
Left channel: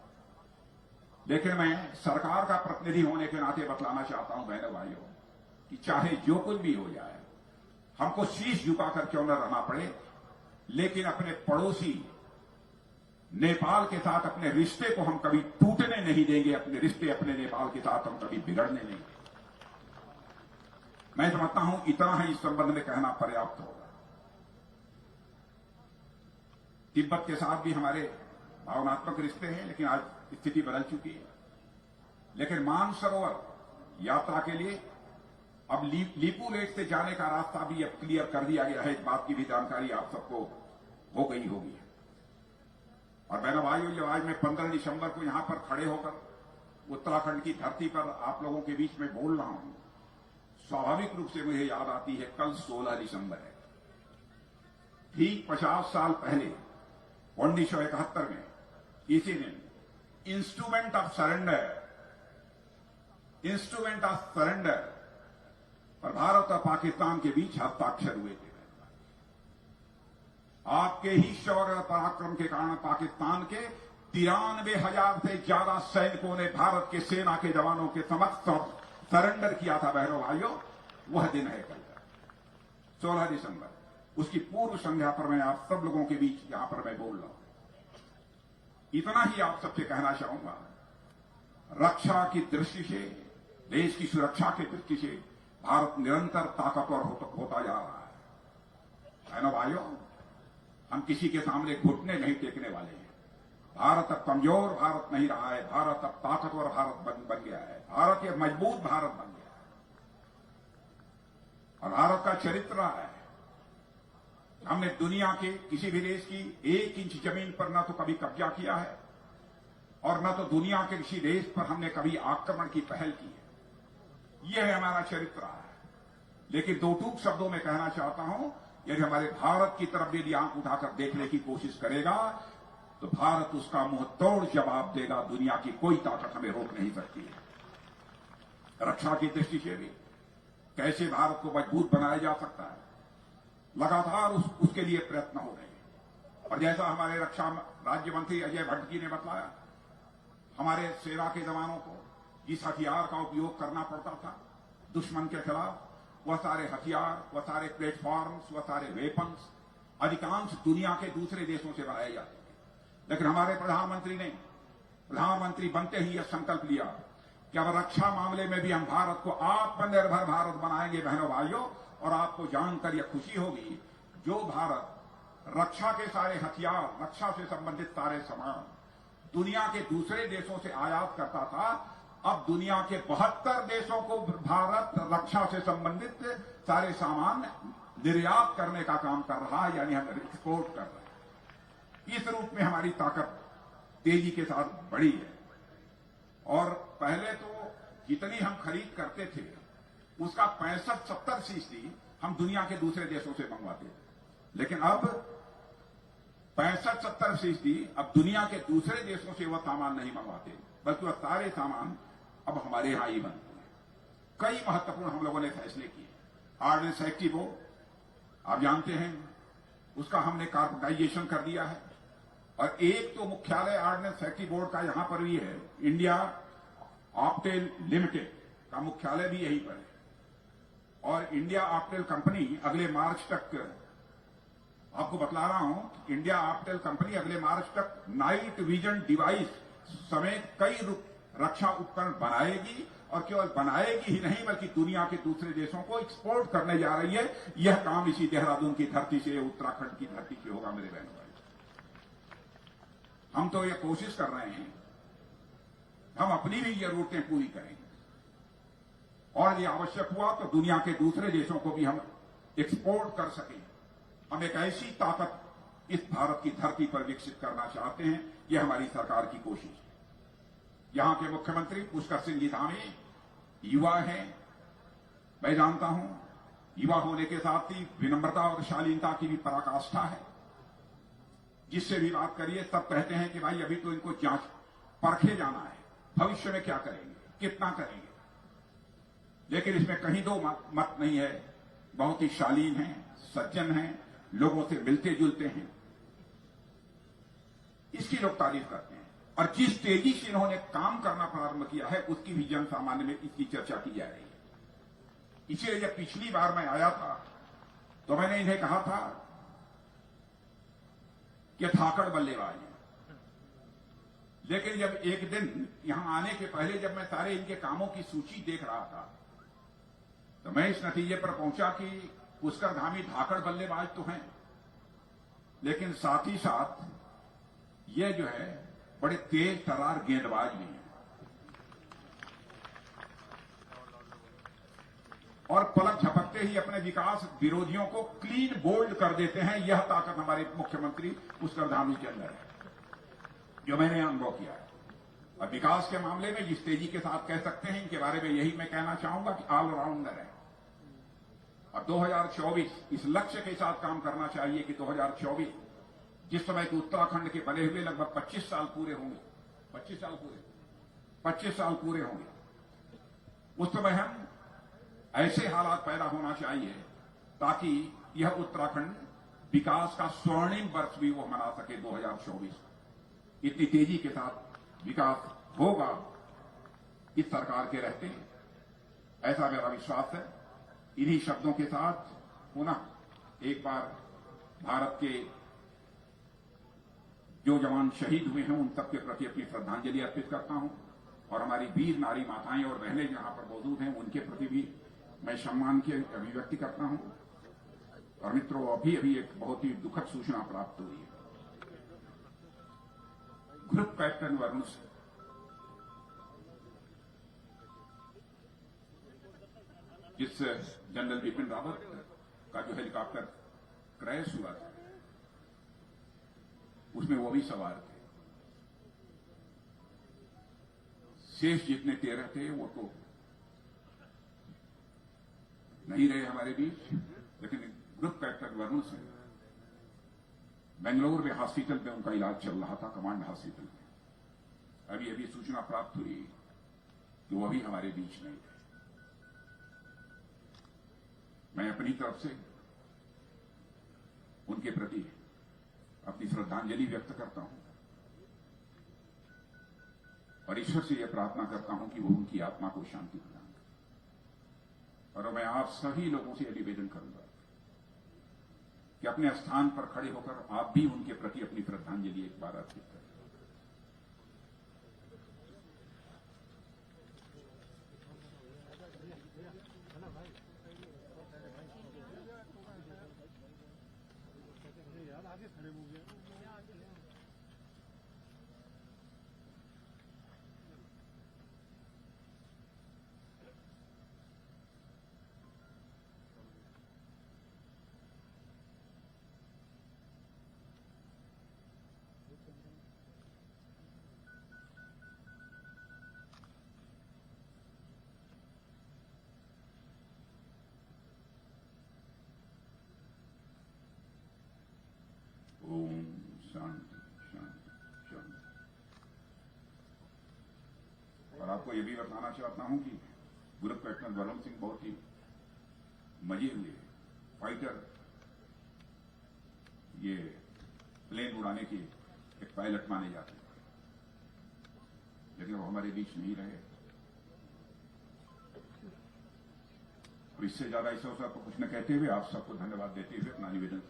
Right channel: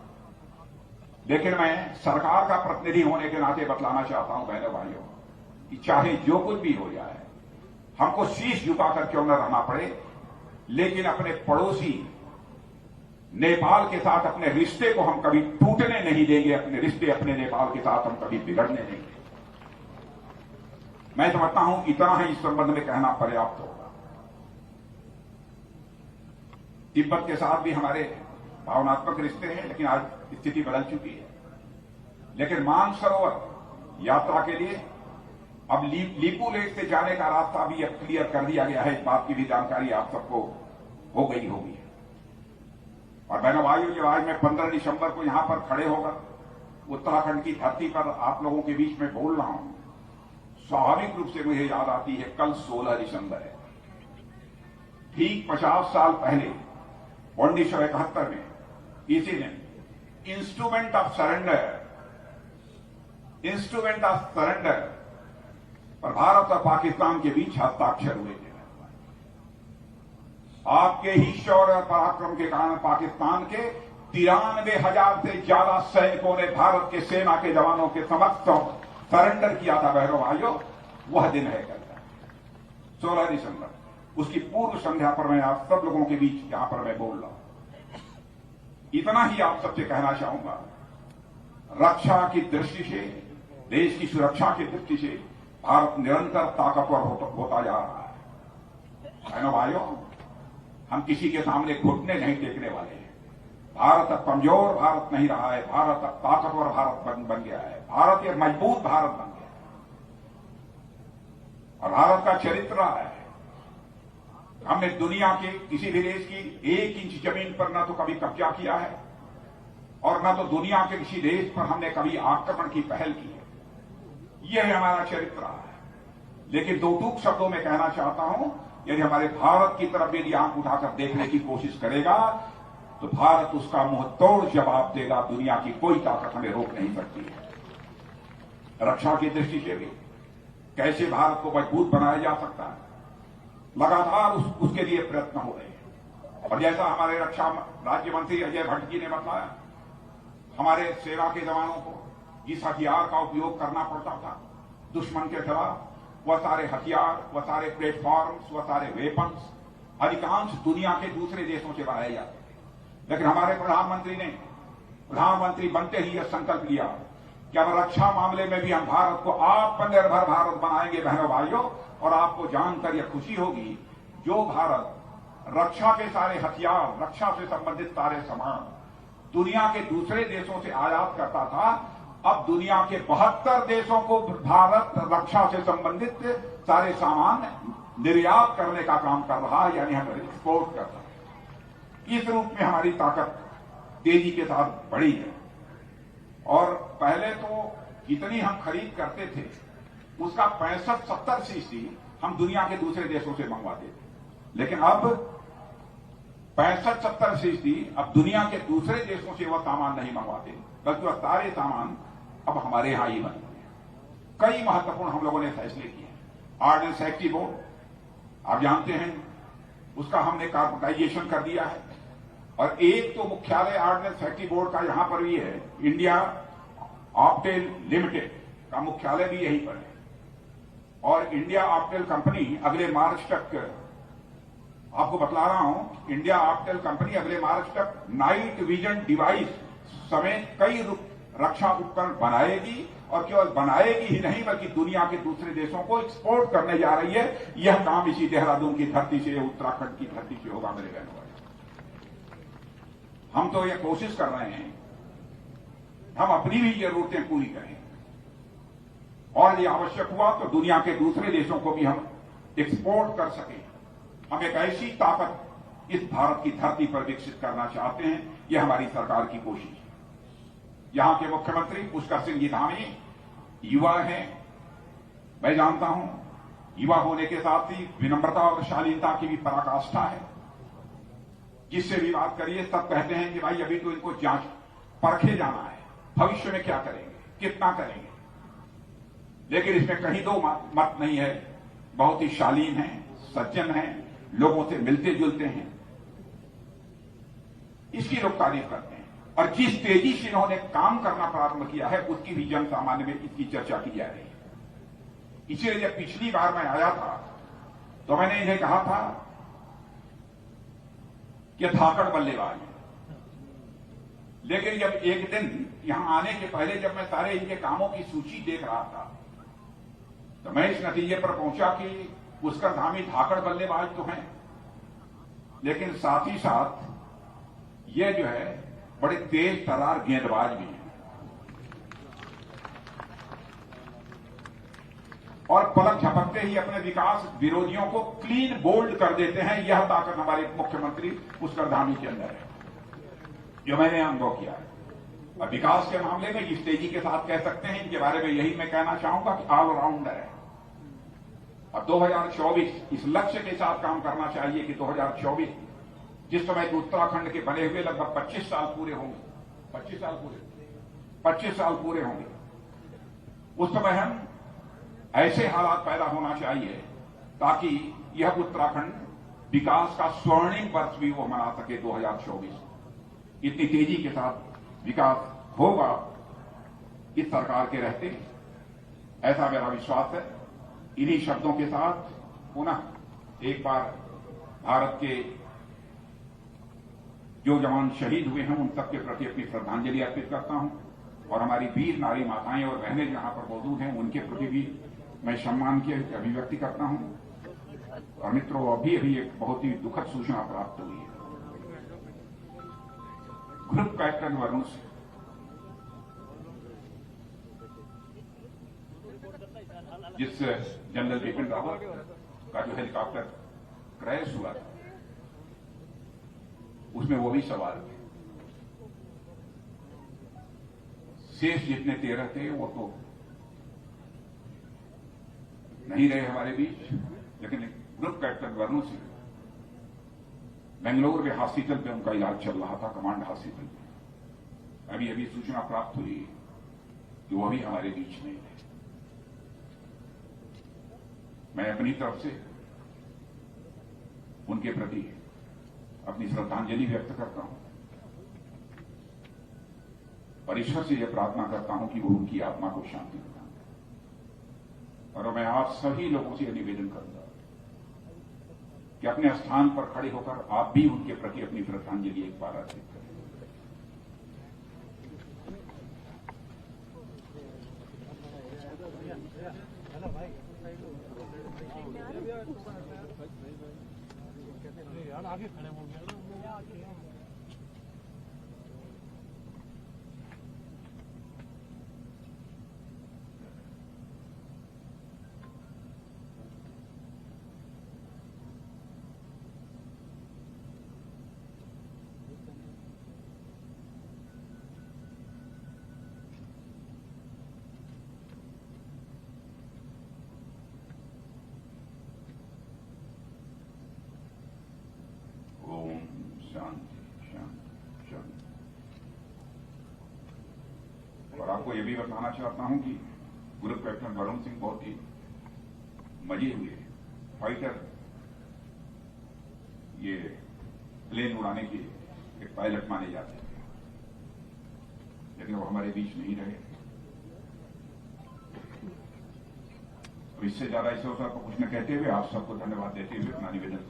लेकिन मैं सरकार का प्रतिनिधि होने के नाते बतलाना चाहता हूं बहनों भाइयों कि चाहे जो कुछ भी हो जाए, हमको शीश झुकाकर क्यों न रहना पड़े, लेकिन अपने पड़ोसी नेपाल के साथ अपने रिश्ते को हम कभी टूटने नहीं देंगे। अपने रिश्ते अपने नेपाल के साथ हम कभी बिगड़ने नहीं देंगे। मैं समझता हूं इतना ही इस संबंध में कहना पर्याप्त होगा। तिब्बत के साथ भी हमारे भावनात्मक रिश्ते हैं, लेकिन आज स्थिति बदल चुकी है। लेकिन मानसरोवर यात्रा के लिए अब लीपू लेक से जाने का रास्ता भी अब क्लियर कर दिया गया है। इस बात की भी जानकारी आप सबको हो गई होगी। और बहनों भाइयों, जब आज मैं 15 दिसंबर को यहां पर खड़े होकर उत्तराखंड की धरती पर आप लोगों के बीच में बोल रहा हूं, स्वाभाविक रूप से मुझे याद आती है कल 16 दिसंबर है। ठीक 50 साल पहले 1971 में इसी दिन इंस्ट्रूमेंट ऑफ सरेंडर पर भारत और पाकिस्तान के बीच हस्ताक्षर हुए थे। आपके ही शौर्य और पराक्रम के कारण पाकिस्तान के 93,000 से ज्यादा सैनिकों ने भारत के सेना के जवानों के समक्ष सरेंडर किया था। बहनों भाइयों, वह दिन है कल। 16 दिसंबर, उसकी पूर्व संध्या पर मैं आप सब लोगों के बीच यहां पर मैं बोल रहा हूं। इतना ही आप सबसे कहना चाहूंगा, रक्षा की दृष्टि से, देश की सुरक्षा की दृष्टि से भारत निरंतर ताकतवर होता जा रहा है। बहनों भाइयों, हम किसी के सामने घुटने नहीं टेकने वाले हैं। भारत अब कमजोर भारत नहीं रहा है, भारत अब ताकतवर भारत बन गया है। भारत एक मजबूत भारत बन गया है और भारत का चरित्र रहा है। हमने दुनिया के किसी भी देश की 1 इंच जमीन पर न तो कभी कब्जा किया है और न तो दुनिया के किसी देश पर हमने कभी आक्रमण की पहल की है। यह हमारा चरित्र रहा है। लेकिन दो टूक शब्दों में कहना चाहता हूं, यदि हमारे भारत की तरफ यदि आंख उठाकर देखने की कोशिश करेगा तो भारत उसका मुंह तोड़ जवाब देगा। दुनिया की कोई ताकत हमें रोक नहीं सकती है। रक्षा की दृष्टि से भी कैसे भारत को मजबूत बनाया जा सकता है, लगातार उसके लिए प्रयत्न हो रहे हैं। और जैसा हमारे रक्षा राज्य मंत्री अजय भट्ट जी ने बताया, हमारे सेना के जवानों को जिस हथियार का उपयोग करना पड़ता था दुश्मन के खिलाफ, वह सारे हथियार, वह सारे प्लेटफॉर्म्स, वह सारे वेपन्स अधिकांश दुनिया के दूसरे देशों से बनाए जाते थे। लेकिन हमारे प्रधानमंत्री ने प्रधानमंत्री बनते ही यह संकल्प लिया कि अब रक्षा मामले में भी हम भारत को आत्मनिर्भर भारत बनाएंगे। बहनों भाइयों, और आपको जानकर यह खुशी होगी, जो भारत रक्षा के सारे हथियार, रक्षा से संबंधित सारे सामान दुनिया के दूसरे देशों से आयात करता था, अब दुनिया के 72 देशों को भारत रक्षा से संबंधित सारे सामान निर्यात करने का काम कर रहा है, यानी हम एक्सपोर्ट कर रहे हैं। इस रूप में हमारी ताकत तेजी के साथ बढ़ी है। और पहले तो जितनी हम खरीद करते थे उसका 65-70% हम दुनिया के दूसरे देशों से मंगवाते थे, लेकिन अब 65-70% अब दुनिया के दूसरे देशों से वह सामान नहीं मंगवाते, बल्कि वह सारे सामान अब हमारे यहां ही बनते हैं। कई महत्वपूर्ण हम लोगों ने फैसले किए। ऑर्डिनेंस सेफ्टी बोर्ड आप जानते हैं, उसका हमने कार्पोरेटाइजेशन कर दिया है। और एक तो मुख्यालय ऑर्डिनेंस सेफ्टी बोर्ड का यहां पर भी है, इंडिया ऑप्टेल लिमिटेड का मुख्यालय भी यहीं पर है। और इंडिया ऑप्टेल कंपनी अगले मार्च तक, आपको बतला रहा हूं, इंडिया ऑप्टेल कंपनी अगले मार्च तक नाइट विजन डिवाइस समेत कई रक्षा उपकरण बनाएगी, और केवल बनाएगी ही नहीं बल्कि दुनिया के दूसरे देशों को एक्सपोर्ट करने जा रही है। यह काम इसी देहरादून की धरती से, उत्तराखंड की धरती से होगा मेरे बहनों। हम तो यह कोशिश कर रहे हैं हम अपनी भी जरूरतें पूरी करें, और यह आवश्यक हुआ तो दुनिया के दूसरे देशों को भी हम एक्सपोर्ट कर सकें। हम एक ऐसी ताकत इस भारत की धरती पर विकसित करना चाहते हैं। यह हमारी सरकार की कोशिश है। यहां के मुख्यमंत्री पुष्कर सिंह जी धामी युवा हैं, मैं जानता हूं। युवा होने के साथ ही विनम्रता और शालीनता की भी पराकाष्ठा है। जिससे भी बात करिए सब कहते हैं कि भाई अभी तो इनको जांच परखे जाना है, भविष्य में क्या करेंगे, कितना करेंगे। लेकिन इसमें कहीं दो मत नहीं है। बहुत ही शालीन हैं, सज्जन हैं, लोगों से मिलते जुलते हैं, इसकी लोग तारीफ करते हैं। और जिस तेजी से इन्होंने काम करना प्रारंभ किया है उसकी भी जन सामान्य में इसकी चर्चा की जा रही है। इसलिए जब पिछली बार मैं आया था तो मैंने इन्हें कहा था कि धाकड़ बल्लेबाज है। लेकिन जब एक दिन यहां आने के पहले जब मैं सारे इनके कामों की सूची देख रहा था तो मैं इस नतीजे पर पहुंचा कि पुष्कर धामी धाकड़ बल्लेबाज तो हैं, लेकिन साथ ही साथ ये जो है बड़े तेज तर्रार गेंदबाज भी हैं। और पलक झपकते ही अपने विकास विरोधियों को क्लीन बोल्ड कर देते हैं। यह ताकत हमारे मुख्यमंत्री पुष्कर धामी के अंदर है, जो मैंने अनुभव किया है। और विकास के मामले में जिस तेजी के साथ कह सकते हैं, इनके बारे में यही मैं कहना चाहूंगा कि ऑलराउंडर है। अब 2024 इस लक्ष्य के साथ काम करना चाहिए कि 2024 जिस समय कि उत्तराखंड के बने हुए लगभग 25 साल पूरे होंगे, 25 साल पूरे होंगे, उस समय हम ऐसे हालात पैदा होना चाहिए ताकि यह उत्तराखंड विकास का स्वर्णिम वर्ष भी वो मना सके। 2024 इतनी तेजी के साथ विकास होगा इस सरकार के रहते, ऐसा मेरा विश्वास है। इन्हीं शब्दों के साथ पुनः एक बार भारत के जो जवान शहीद हुए हैं उन तक के प्रति अपनी श्रद्धांजलि अर्पित करता हूं और हमारी वीर नारी माताएं और बहनें जहां पर मौजूद हैं उनके प्रति भी मैं सम्मान की अभिव्यक्ति करता हूं। और मित्रों, अभी एक बहुत ही दुखद सूचना प्राप्त हुई है। ग्रुप कैप्टन वरुण सिंह जिस जनरल बिपिन रावत का जो हेलीकॉप्टर क्रैश हुआ था उसमें वो भी सवार थे। शेष जितने 13 थे वो तो नहीं रहे हमारे बीच, लेकिन ग्रुप कैप्टन वरुण सिंह बेंगलुरु में हॉस्पिटल में उनका इलाज चल रहा था, कमांड हॉस्पिटल में। अभी सूचना प्राप्त हुई कि वो भी हमारे बीच नहीं है। मैं अपनी तरफ से उनके प्रति अपनी श्रद्धांजलि व्यक्त करता हूं और ईश्वर से यह प्रार्थना करता हूं कि वो उनकी आत्मा को शांति प्रदान करे। और मैं आप सभी लोगों से यह निवेदन करूंगा कि अपने स्थान पर खड़े होकर आप भी उनके प्रति अपनी श्रद्धांजलि एक बार अर्पित करें। आगे खड़े हो गया और आपको यह भी बताना चाहता हूं कि ग्रुप कैप्टन वरुण सिंह बहुत ही मजे हुए फाइटर, ये प्लेन उड़ाने के एक पायलट माने जाते हैं, लेकिन वो हमारे बीच नहीं रहे। इससे ज्यादा इस अवसर पर कुछ न कहते हुए आप सबको धन्यवाद देते हुए अपना निवेदन